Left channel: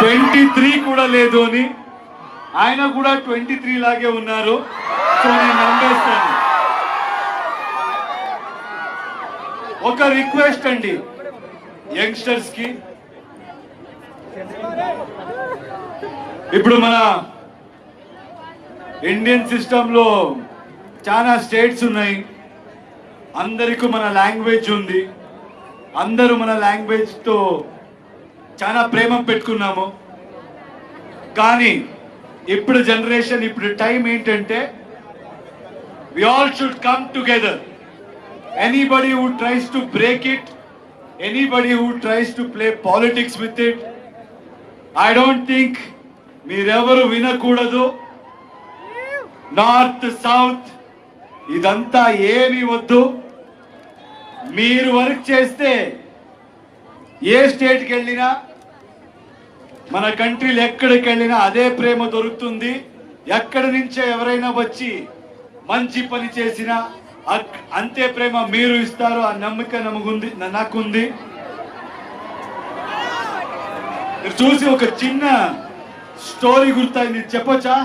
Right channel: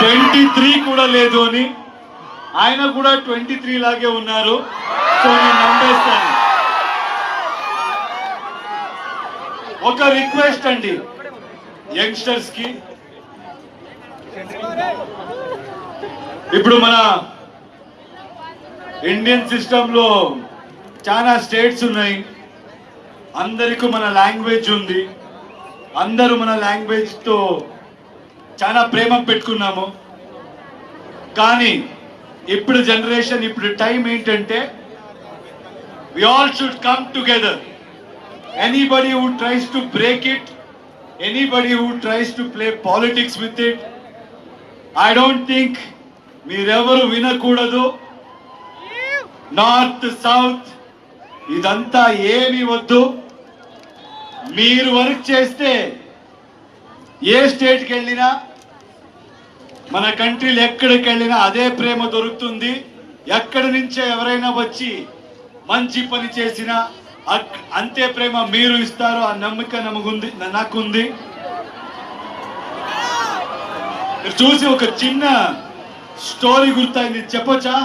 23 కూడా లేదు అని, ఆయన కూడా 23 లాగే ఉన్నారు. సో నేను నమ్మేస్తాను. ఒక రిక్వెస్ట్ అండి యంగ్స్టర్స్ కి, ఇప్పుడు మన ఇండియన్ సిస్టమ్ లో చాలా స్టేట్స్ ఉన్నాయి, అందరికీ మన లాంగ్వేజ్ ఉంది, అందరూ మన లాంగ్వేజ్ తో చాలా ప్రేమ పెట్టుకున్నాము. కానీ ఇప్పుడు జనరేషన్, ఇప్పుడు టైం ఏంటంటే we all should come together. Anybody who tries to break it, anybody who tries to play politics with it, I don't think మీరెవరు వినకూడదు. నార్త్ సౌత్ ఇదంతా ఏమి వద్దు. మీరు వర్క్ చేస్తే ఏ స్టేట్కి వెళ్ళినా, మన కంట్రీలు ఎక్కడికి వెళ్ళినా అదే ప్రేమ దొరుకుతుంది. ఎక్కడి నుంచే ఎవరైనా వచ్చి మంచి పని చేసినా అంతే ప్రేమ మీరు ఇస్తారు. ఆ నమ్మకం నాకుంది. చూసి ఒక చిన్న స్టోరీ గుర్తయింది, చెప్పొచ్చా?